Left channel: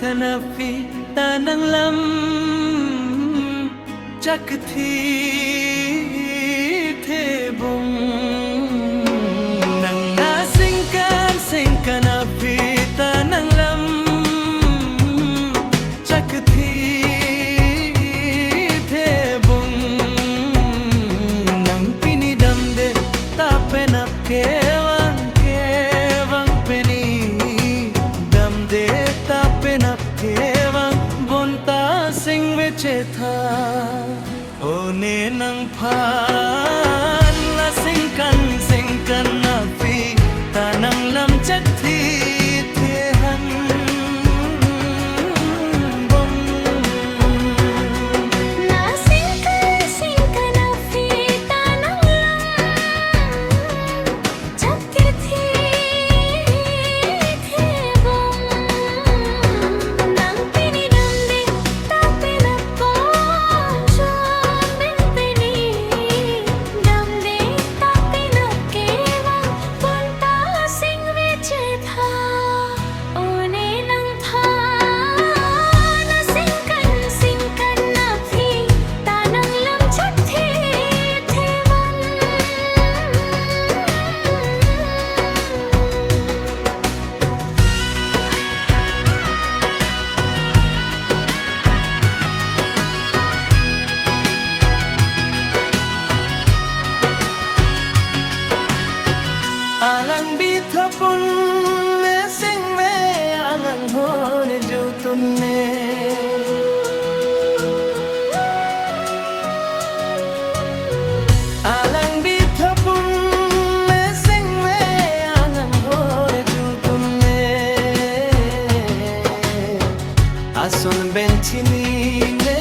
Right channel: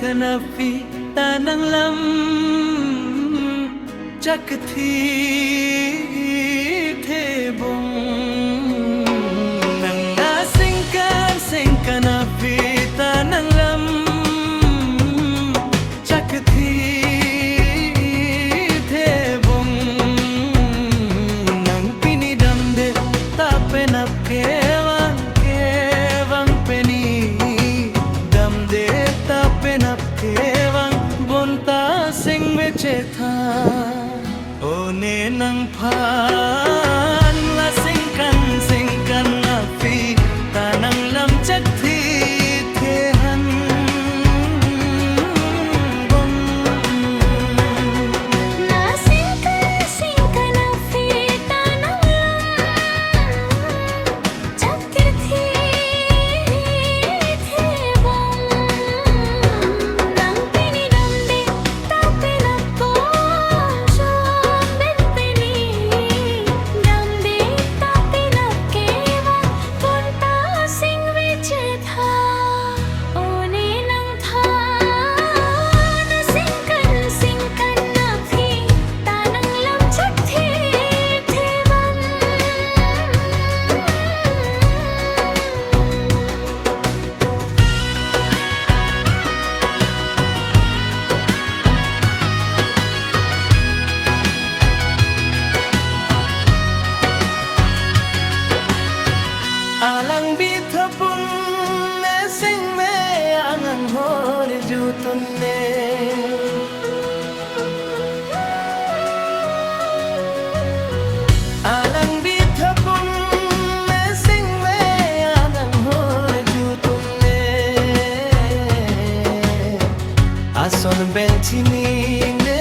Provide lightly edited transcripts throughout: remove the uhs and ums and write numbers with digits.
kanapi tanang lam chakthi the bong nang nasing kanapi tanang lam chakthi the bong nang pinidam de tapenap kewang peni dam de tapenap kewang bonta sing veche tha one nang phan la sing kan api tanang lam chakthi the han alang bitapun ne sing me angang hone jutun ne alang bitapun ne sing me angang hone jutun ne ason benchini ne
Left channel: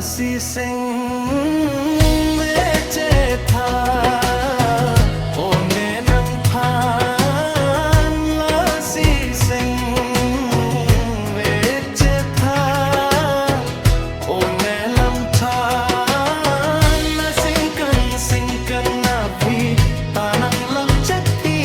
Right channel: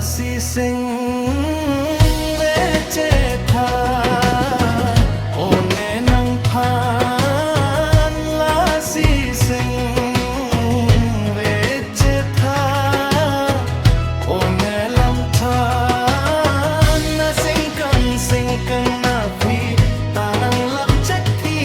si sing veche tha one nang phan la si sing veche tha one lam tha na sing kan na phi tanang lam chakthi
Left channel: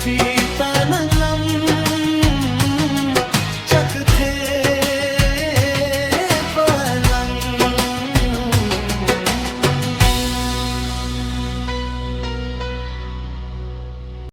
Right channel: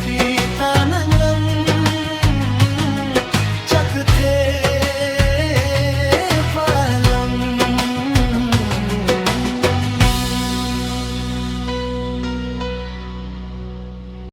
phi ta nang lâm chắc thế